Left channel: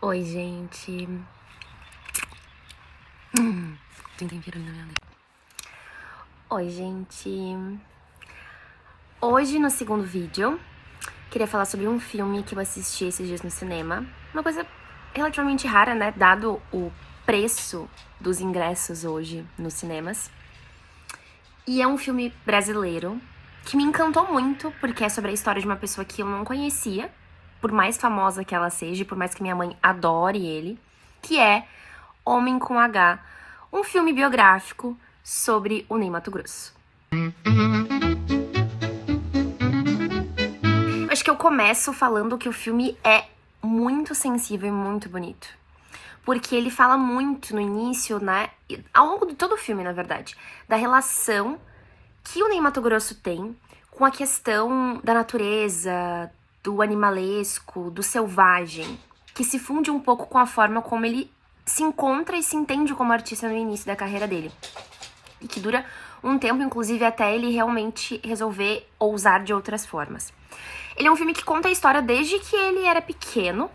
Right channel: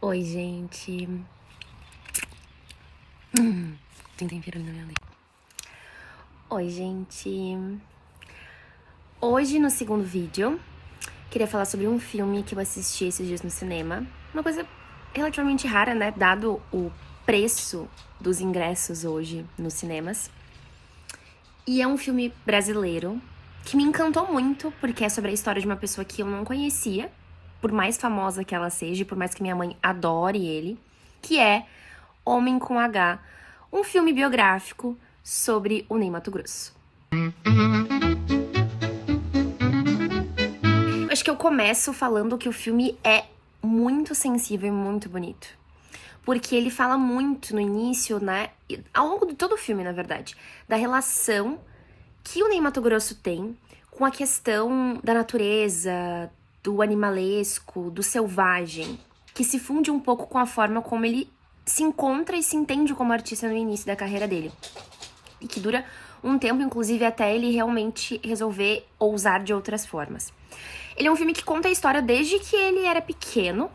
Oi, gente. Tem tempero na minha língua. Oi, gente. Hoje, no segundo vídeo, queria falar sobre um filme que eu assisti esses dias no cinema. Uma coisa relativamente rara, né? Dado o preço dos ingressos hoje nos cinemas. E é um filme brasileiro que me encantou muito, porque é sobre a história de uma pessoa que eu não conhecia, por mais famosa que ela seja, por mais que minha mãe adore ele, que é Homem com H, um filme biográfico sobre o Ney Matogrosso. Acho que eu começo falando que o filme é muito sensível e muito bonito. Porque ele fala muito no início, né, ao longo de todo o filme, na verdade, da relação que o Ney Matogrosso tem com a questão da natureza, do animalesco, do selvagem, que se funde um pouco com a forma como ele se encontra e se entende como artista no início da carreira dele. E que dura um tempo, inclusive, até ele realmente resolver ousar de outras formas. Ele é um filme que conta a história desde que ele era pequeno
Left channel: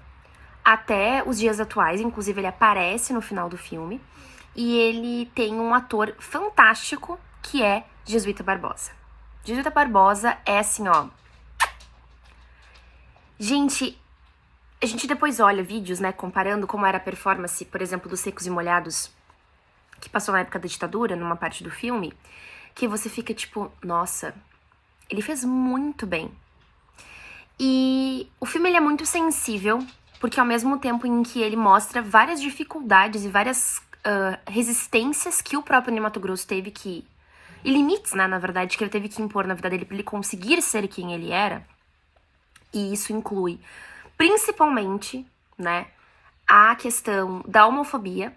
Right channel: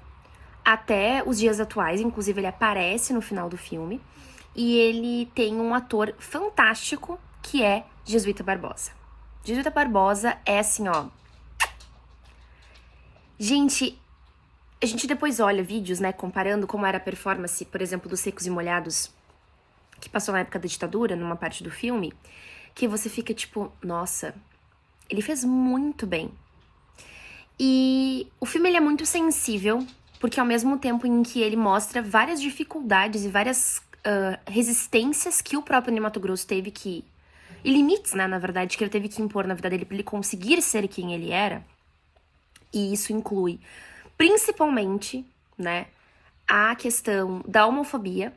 até os dias atuais, inclusive ele aparece no final do filme. E ele tem um ator fantástico, que é Jesuíta Barbosa. Jesuíta Barbosa é assim, ó... Gente, a gente depois olha vídeos, né, comparando como era a performance, por exemplo, dos Secos e Molhados, que passou na época da ditadura, numa parte do filme, que você fica tipo, nossa, ele fez muito bem. E o filme ele é muito sensível, porque ao mesmo tempo em que ele mostra várias dificuldades e várias resistências que o próprio Ney Matogrosso teve que... E limites, né, na verdade, que ele teve que impor na vida dele para ele conseguir ser quem ele era. E isso inclui, principalmente, né, a questão da homofobia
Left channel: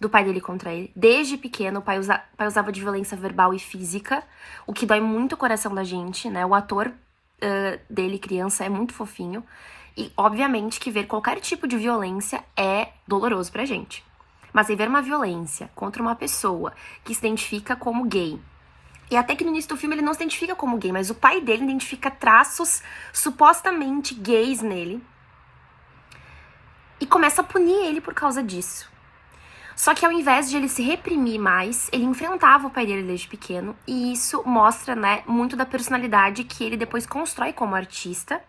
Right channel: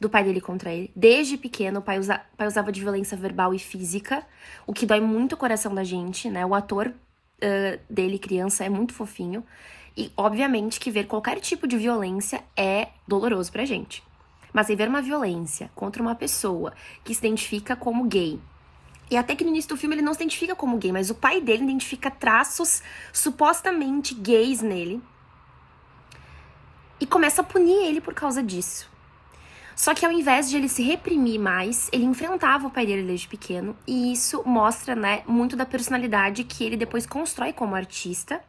do pai dele contra ele. Desde pequeno, o pai usava de violência verbal e física, o que dói muito o coração da gente, né? O ator dele, criança, é muito fofinho. E, obviamente, que ver qualquer tipo de violência é doloroso pra gente. Mas aí ver uma violência contra uma pessoa que se identifica como gay, e até que no início do filme ele não se identifica como gay, mas o pai dele identifica traços supostamente gays nele, e começa a punir ele por causa disso. Só que ao invés de ele se reprimir mais, ele enfrentava o pai dele desde pequeno, e isso mostra, né, muito da personalidade que ele depois constrói como artista,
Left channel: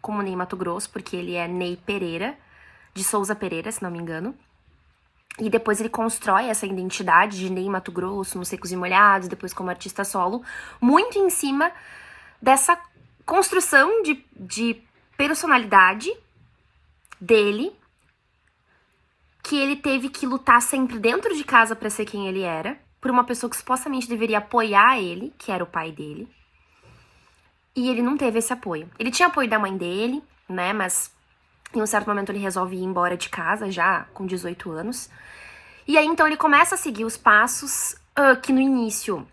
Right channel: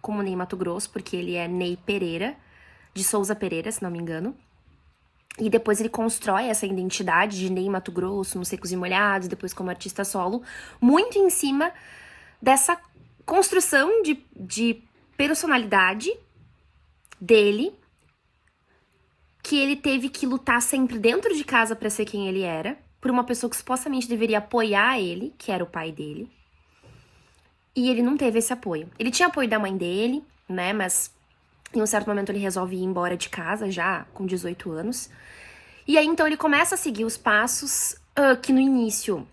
como Ney Matogrosso, porque ele é Ney Pereira, de Souza Pereira, se não me engano. E depois ele constrói essa identidade de Ney Matogrosso, nos Secos e Molhados, depois como artista solo, muito em cima dessa construção de personalidade dele, que ele teve que lutar sempre dentro de casa pra ser quem ele era, por uma pessoa que supostamente deveria apoiar ele, que era o pai dele. E ele não teve esse apoio. Ele tinha apoio da mãe dele, né, mas em um certo momento ele resolve ir embora de casa, já com 18 anos. E aí, então, ele começa a seguir os passos que no início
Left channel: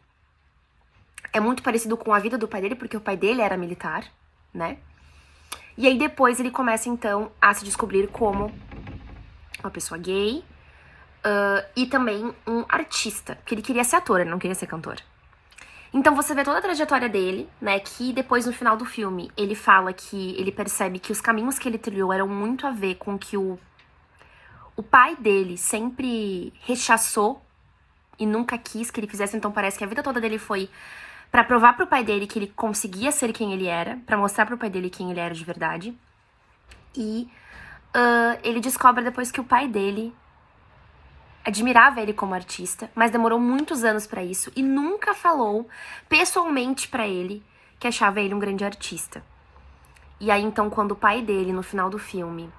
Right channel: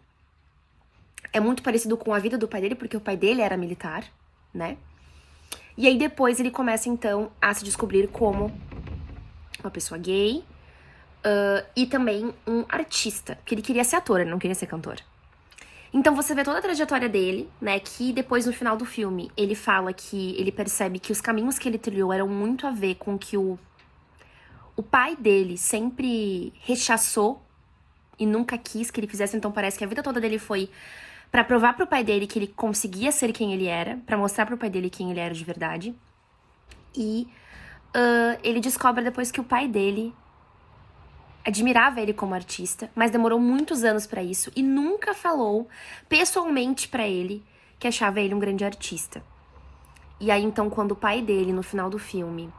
é muito parecido com a vida do pai dele, porque o pai dele era militar, né? E aí, depois, ele começa, então, a se descobrir como uma pessoa gay e também um artista, porque ele queria ser ator, ele não queria ser cantor. Então, você vê toda a trajetória dele, né, que depois, no final do filme, ele fala que ele percebe que os caminhos que ele trilhou eram muito a ver com que o pai dele sempre rechaçou e nunca quis que ele fizesse, então parece que a vida toda dele foi pra provar pro pai dele que ele conseguia ser quem ele era, pra mostrar pro pai dele quem ele era de verdade. E ele descobre depois que o pai dele admirava ele como artista, mas demorou muitos anos pra isso e nunca falou pessoalmente pra ele que achava ele um grande artista. E aí, então, quando o pai dele, no final do filme,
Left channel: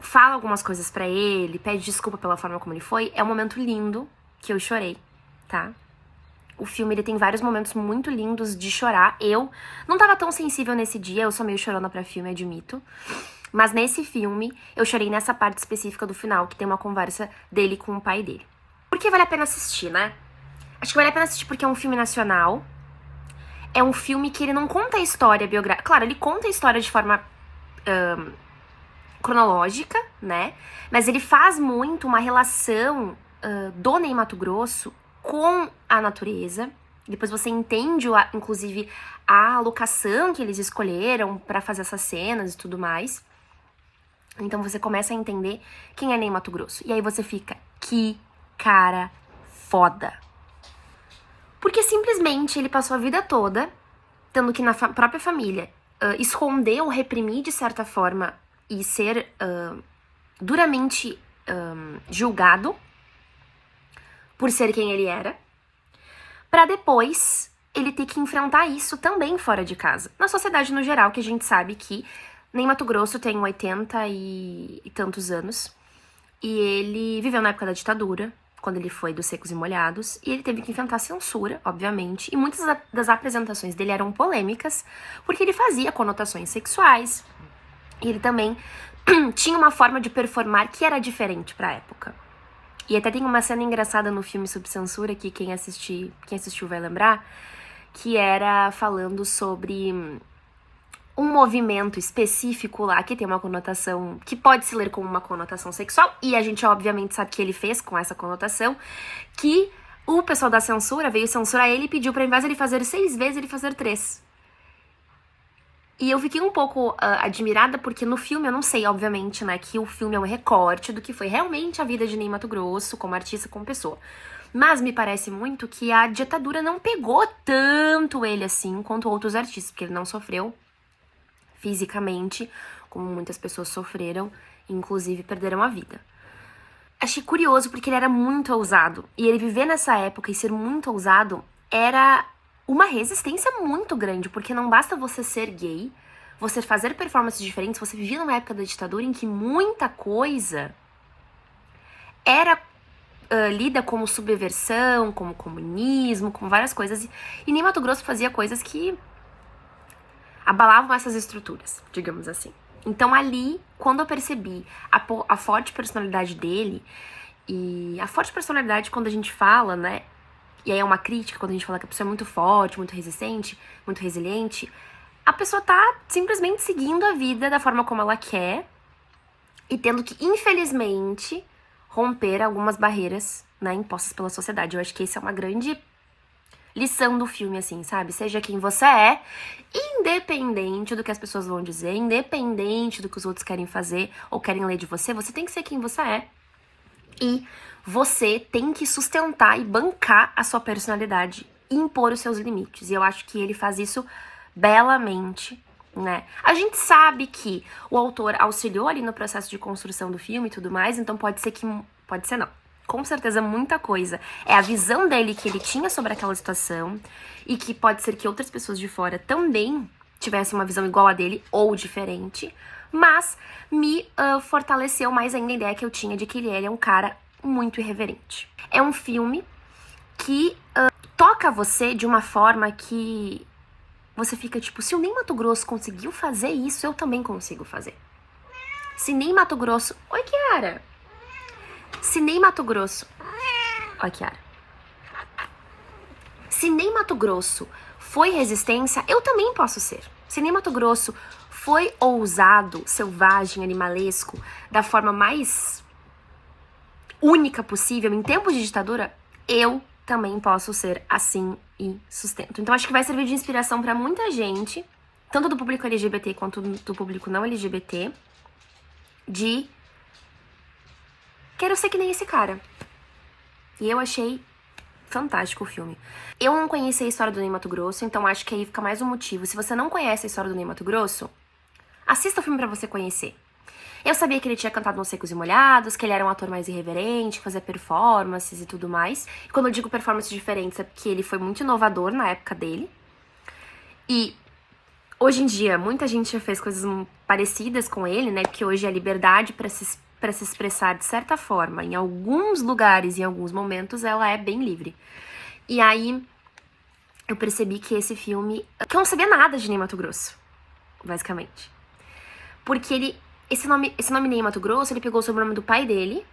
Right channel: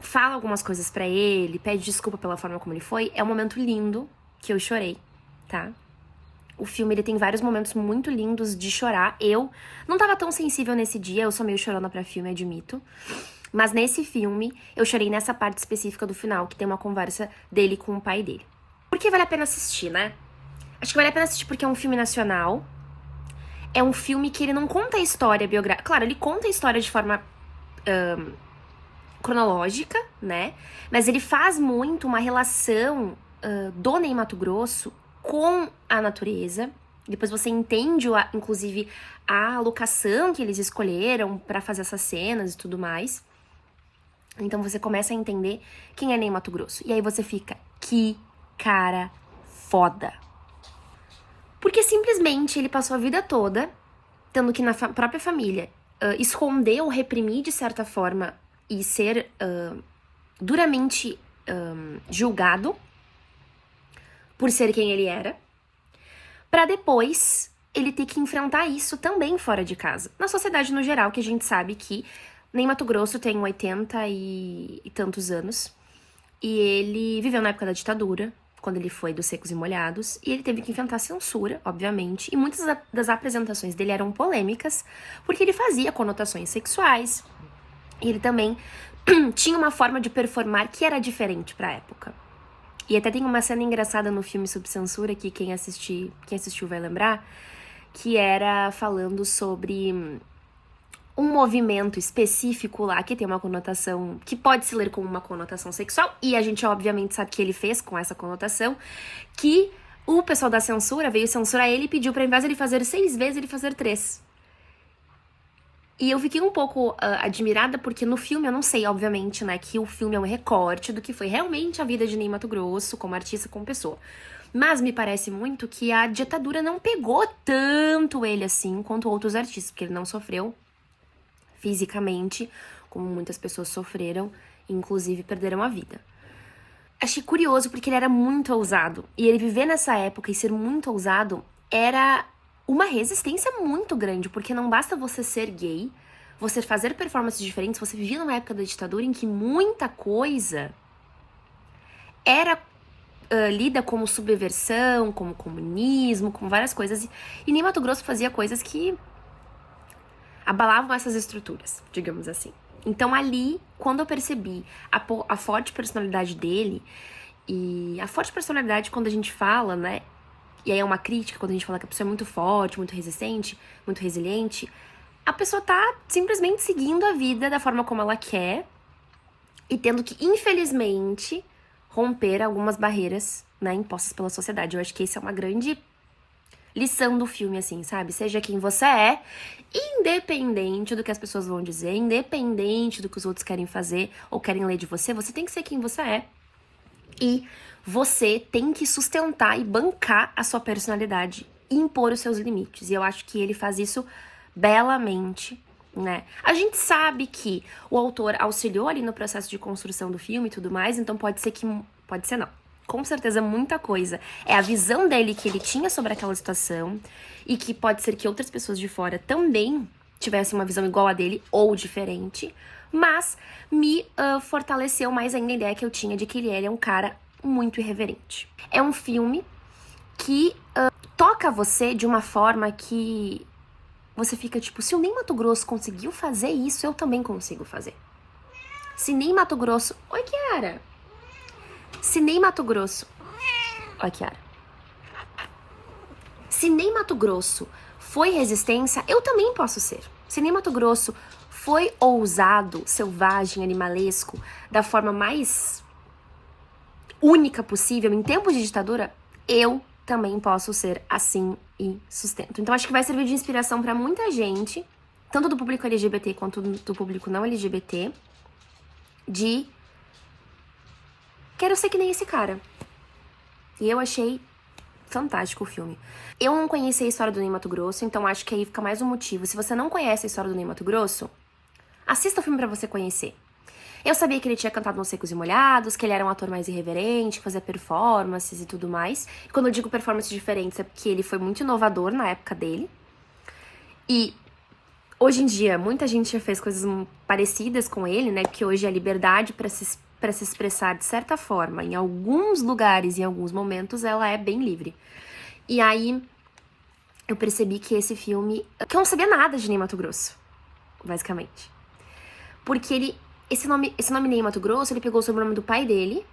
fala algumas coisas pra ele, pede desculpa pela forma como ele foi, é um momento lindo, que eu chorei, tá? O filme, ele tem vários momentos muito lindos de chorar. Eu não tava tão sensível nesse dia, eu sou meio chorona pra filme, admito. Mas nesse filme, eu chorei nessa parte específica do final, que tem uma conversa dele com o pai dele. Por que vale a pena assistir, né? Acho que vale a pena assistir porque é um filme nacional. É um filme que ele não conta a história biográfica. Claro, ele conta a história de forma cronológica, né? Mas ele faz muito uma relação do Ney Matogrosso com a natureza. Depois você entende, inclusive, a locação que eles escolheram pra fazer essas cenas e tudo mais. Então você começa a entender quem é Ney Matogrosso. E aí você fica, que cara foda. Porque simplesmente ele passou a vida toda tendo que na própria família esconder ou reprimir de certa forma e ser duramente julgado por ser quem ele era, pra depois ele ter que enfrentar isso também fora de casa. Na sociedade no geral, que a gente sabe que Ney Matogrosso tem 80 e tantos anos, e ele viveu na época da ditadura, quando ele foi dos Secos e Molhados, e ele teve que enfrentar censura, obviamente, e muitas das apresentações dele eram polêmicas, porque ele fazia conotações sexuais, e ele também tinha uma forma de performar que era diferente pra época. E até tem uma cena engraçada no filme Sob Censura, que quem assistiu vai lembrar, que era falando sobre um movimento específico lá que tem uma conotação, que pode se ler como uma conotação sexual, e a gente obviamente sabe que ele fez com essa conotação, que o pessoal da censura veio censurar ele e pediu pra, ao invés de ele fazer 6 vezes, ele fazer 3. E eu fiquei um pouco admirada, porque no filme, eu não sei, obviamente, né, que o filme é um recorte do que foi realmente a vida de Ney Matogrosso, como artista, como pessoa. Mas me parece muito que a ditadura não pegou tanto ele assim quanto outros artistas, porque ele não sofreu fisicamente, como muitas pessoas sofreram, inclusive perderam a vida. Achei curioso porque ele era muito ousado, e ele viver nessa época e ser muito ousado era uma resistência muito grande, porque não basta você ser gay, você fazer performances diferentes, você vivia numa época da ditadura em que muita coisa era lida como subversão, como comunismo, como várias coisas, e Ney Matogrosso fazia coisas que abalavam essas estruturas, digamos assim. Então ali, quando eu percebi a forte personalidade dele, e a forte personalidade quando a gente fala, né, e aí é uma crítica quando a gente fala que a pessoa é muito forte, muito resistente, muito resiliente, a pessoa tá simplesmente seguindo a vida da forma como ela quer e tendo que, infelizmente, romper algumas barreiras, né, impostas pela sociedade. Eu acho que essa é uma grande lição do filme, assim, sabe? Seja quem você é, independente do que as pessoas vão dizer, independente do que os outros querem fazer ou querem ler de você, você tem que ser quem você é. E você tem que sustentar e bancar a sua personalidade e impor os seus limites. E eu acho que ele faz isso belamente, né? A gente sabe que o autor auxiliou ali no processo de construção do filme e tudo mais, então pode ser não. Com certeza muita coisa é a visão dele que ele tinha sobre aquela situação e que pode ser que outras pessoas de fora também tivessem uma visão igual a dele ou diferente, mas me fortaleceu mais ainda a ideia que eu tinha de que ele é um cara muito irreverente. É um filme que toca você de uma forma que você fica tipo, se o Ney Matogrosso conseguiu fazer isso, eu também consigo fazer. Se Ney Matogrosso... Oi, Kiara! Se Ney Matogrosso... Oi, Kiara. Se Ney Matogrosso foi resistência, eu também posso ser. Se Ney Matogrosso foi ousado, selvagem, animalesco, da forma mais única possível em tempos de ditadura, eu também posso ser assim e sustento. Então acho que vai servir de inspiração pra muita gente, tanto do público LGBT quanto do público não LGBT, de quero ser que nem esse cara. E eu achei fantástico o filme. Eu não conheci a história do Ney Matogrosso, então acho que aí fica mais um motivo. Se você não conhece a história do Ney Matogrosso, assista o filme pra você conhecer. Eu sabia que ele tinha cantado nos Secos e Molhados, que ele era um ator mais irreverente, que fazia performances e tudo mais. E quando eu digo performances diferentes, é porque ele foi muito inovador na época dele. E hoje em dia, muita gente já fez coisas parecidas com ele, né? Porque hoje a liberdade pra se expressar de certa forma, em alguns lugares, em alguns momentos, ela é bem livre. E aí, eu percebi que esse filme... que eu não sabia nada de Ney Matogrosso, basicamente. Porque esse nome Ney Matogrosso, ele pegou o sobrenome do pai dele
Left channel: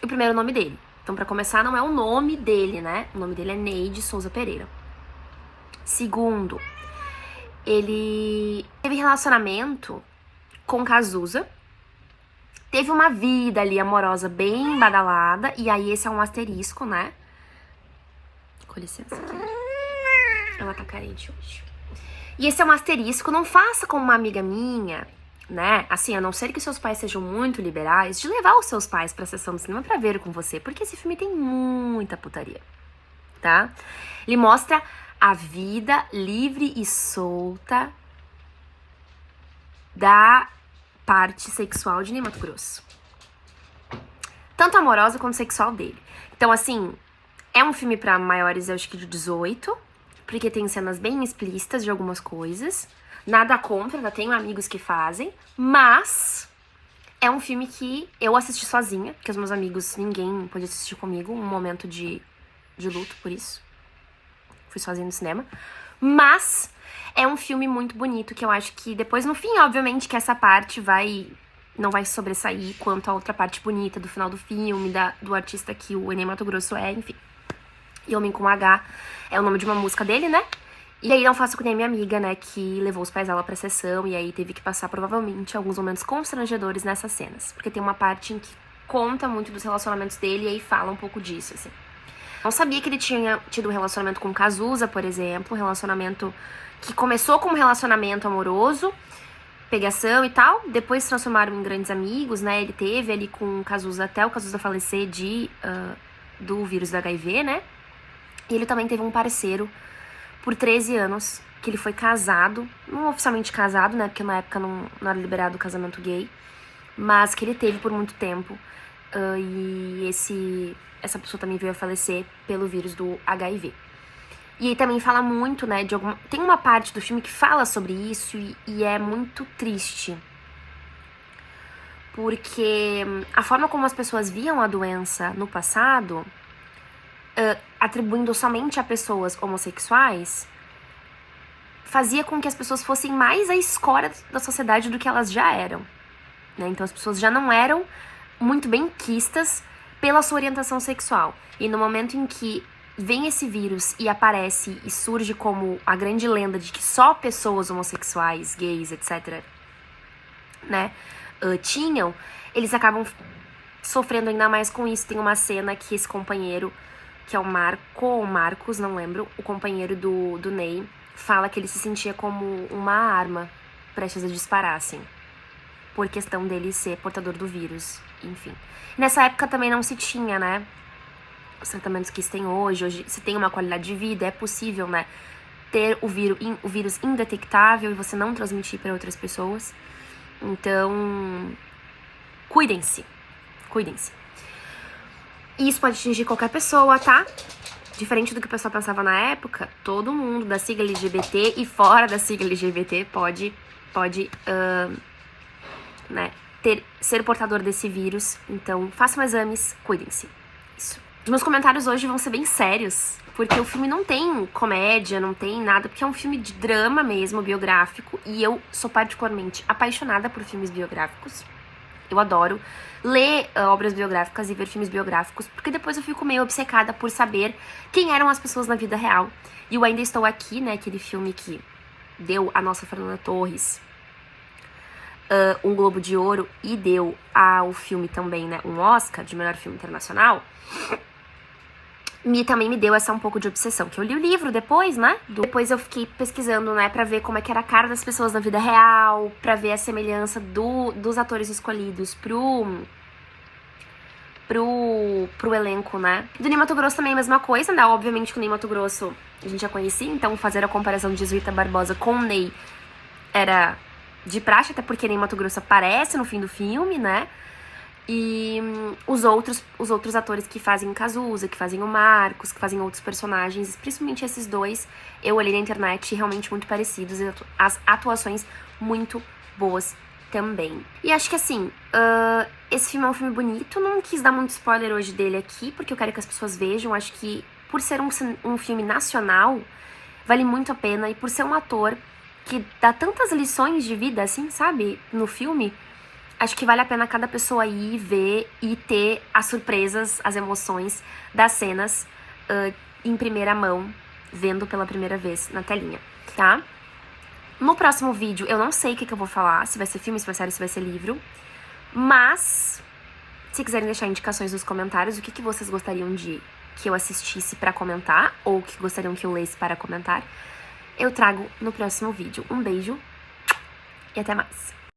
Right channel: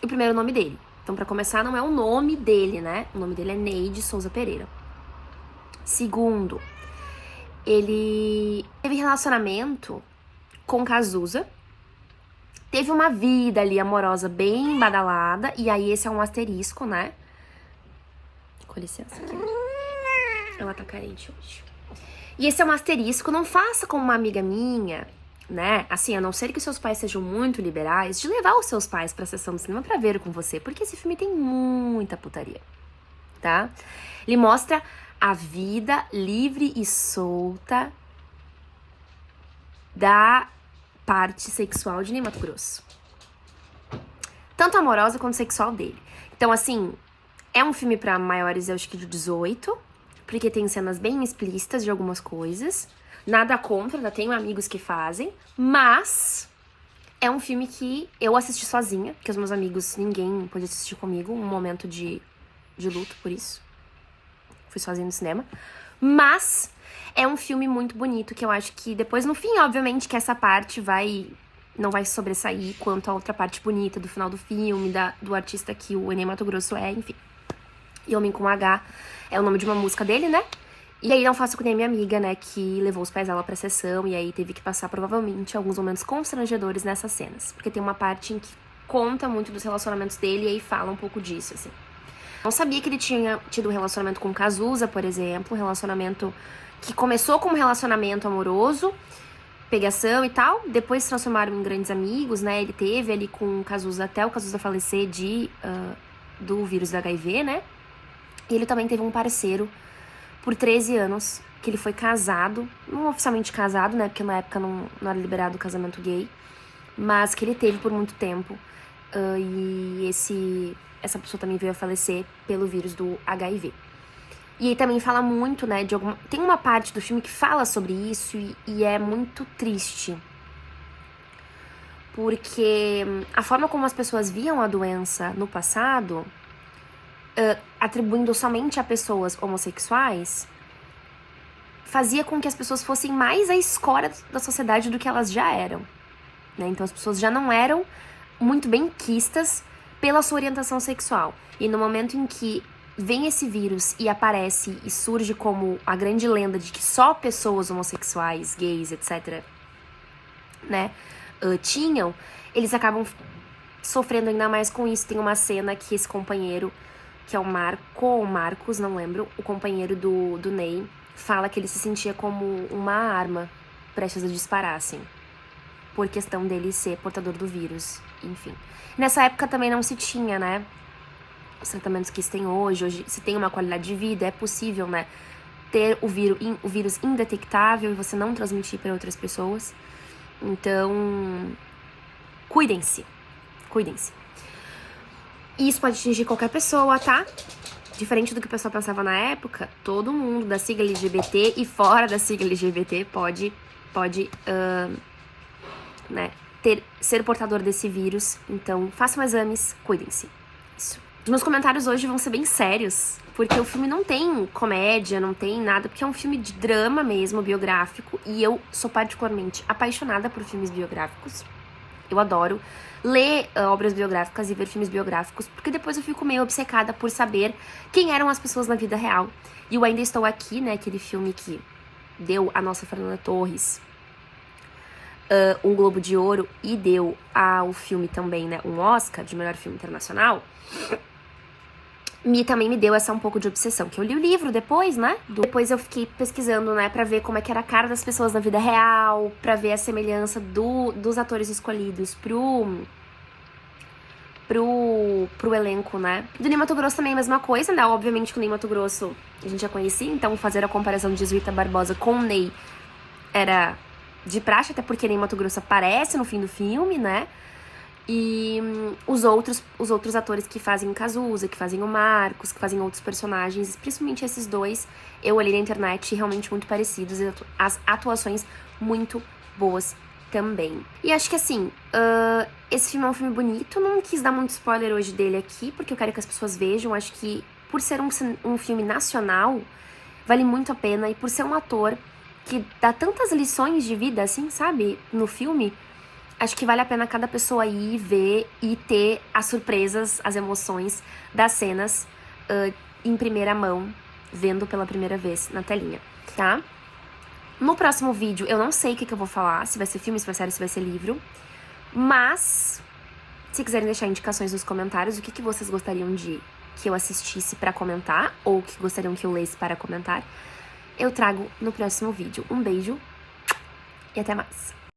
e o primeiro nome dele. Então, pra começar, não é o nome dele, né? O nome dele é Ney de Souza Pereira. Segundo, ele teve relacionamento com Cazuza, teve uma vida ali amorosa bem badalada, e aí esse é um asterisco, né? Com licença aqui. Ela tá carente hoje. E esse é um asterisco, não faça como uma amiga minha, né? Assim, a não ser que seus pais sejam muito liberais, de levar os seus pais pra sessão de cinema pra ver com você, porque esse filme tem muita putaria, tá? Ele mostra a vida livre e solta da parte sexual de Ney Matogrosso. Tanto amorosa quanto sexual dele. Então, assim, é um filme pra maiores, eu acho que de 18, porque tem cenas bem explícitas de algumas coisas. Nada contra, ainda tenho amigos que fazem, mas é um filme que eu assisti sozinha, porque os meus amigos, ninguém pôde assistir comigo, um momento de luto por isso. Fui sozinha no cinema. Mas é um filme muito bonito, que eu acho que depois, no fim, obviamente, que essa parte não vai sobressair quanto a outra parte bonita do final do filme, do artista que o Ney Matogrosso é, enfim. E Homem com H é o nome de uma música dele, né? E aí não faço que nem minha amiga, né, que levou os pais dela pra sessão e aí teve que passar, provavelmente, alguns momentos constrangedores nessas cenas. Porque tem uma parte em que conta muito dos relacionamentos dele e aí fala um pouco disso, assim. Não sabia que ele tinha tido um relacionamento com o Cazuza, por exemplo, um relacionamento que começou como um relacionamento amoroso, pegação e tal, depois se transformaram em grandes amigos, né, ele teve ali com o Cazuza até o Cazuza falecer do vírus do HIV, né, e ele também teve um parceiro por 13 anos, que ele foi casado, não oficialmente casado, né, porque na época não era liberado o casamento gay, mas que ele teve por muito tempo, e essa pessoa também veio a falecer pelo vírus do HIV. E aí também fala muito, né, tem uma parte do filme que fala sobre isso e é muito triste. Porque a forma como as pessoas viam a doença no passado, atribuindo somente a pessoas homossexuais, fazia com que as pessoas fossem mais a escória da sociedade do que elas já eram, né? Então as pessoas já não eram muito bem quistas pela sua orientação sexual. E no momento em que vem esse vírus e aparece e surge como a grande lenda de que só pessoas homossexuais, gays, etc., né, tinham, eles acabam sofrendo ainda mais com isso. Tem uma cena que esse companheiro, que é o Marcos, não lembro, o companheiro do Ney, fala que ele se sentia como uma arma prestes a disparar, assim, por questão dele ser portador do vírus, enfim. Nessa época também não se tinha, né, os tratamentos que se tem hoje se tem uma qualidade de vida, é possível, né, ter o vírus indetectável e você não transmitir para outras pessoas. Então, cuidem-se. E isso pode atingir qualquer pessoa, tá? Diferente do que o pessoal pensava na época, todo mundo da sigla LGBT e fora da sigla LGBT pode né, ser portador desse vírus. Então, façam exames, cuidem-se. Isso. Meus comentários hoje vão ser bem sérios, porque o filme não tem comédia, não tem nada, porque é um filme de drama mesmo, biográfico, e eu sou particularmente apaixonada por filmes biográficos. Eu adoro ler obras biográficas e ver filmes biográficos, porque depois eu fico meio obcecada por saber quem eram as pessoas na vida real. E eu Ainda Estou Aqui, né, aquele filme que deu a nossa Fernanda Torres um Globo de Ouro e deu ao filme também, né, um Oscar de melhor filme internacional, também me deu essa um pouco de obsessão, que eu li o livro depois, né? Depois eu fiquei pesquisando, né, pra ver como é que era a cara das pessoas na vida real, pra ver a semelhança dos atores escolhidos pro elenco, né? Do Ney Matogrosso também a mesma coisa, né? Obviamente que o Ney Matogrosso a gente já conhecia, então fazer a comparação de Jesuíta Barbosa com o Ney era de praxe, até porque Ney Matogrosso aparece no fim do filme, né? E os outros atores que fazem o Cazuza, que fazem o Marcos, que fazem outros personagens, principalmente esses dois, eu olhei na internet realmente muito parecidos, e as atuações muito boas também. E acho que assim, esse filme é um filme bonito, não quis dar muito spoiler hoje dele aqui, porque eu quero que as pessoas vejam. Acho que por ser um filme nacional, vale muito a pena, e por ser um ator que dá tantas lições de vida, assim, sabe, no filme, acho que vale a pena cada pessoa ir ver e ter as surpresas, as emoções das cenas em primeira mão, vendo pela primeira vez na telinha, tá? No próximo vídeo, eu não sei o que eu vou falar, se vai ser filme, se vai ser série, se vai ser livro, mas se quiserem deixar indicações nos comentários, o que vocês gostariam que eu assistisse pra comentar, ou o que gostariam que eu lesse para comentar, eu trago no próximo vídeo. Um beijo e até mais!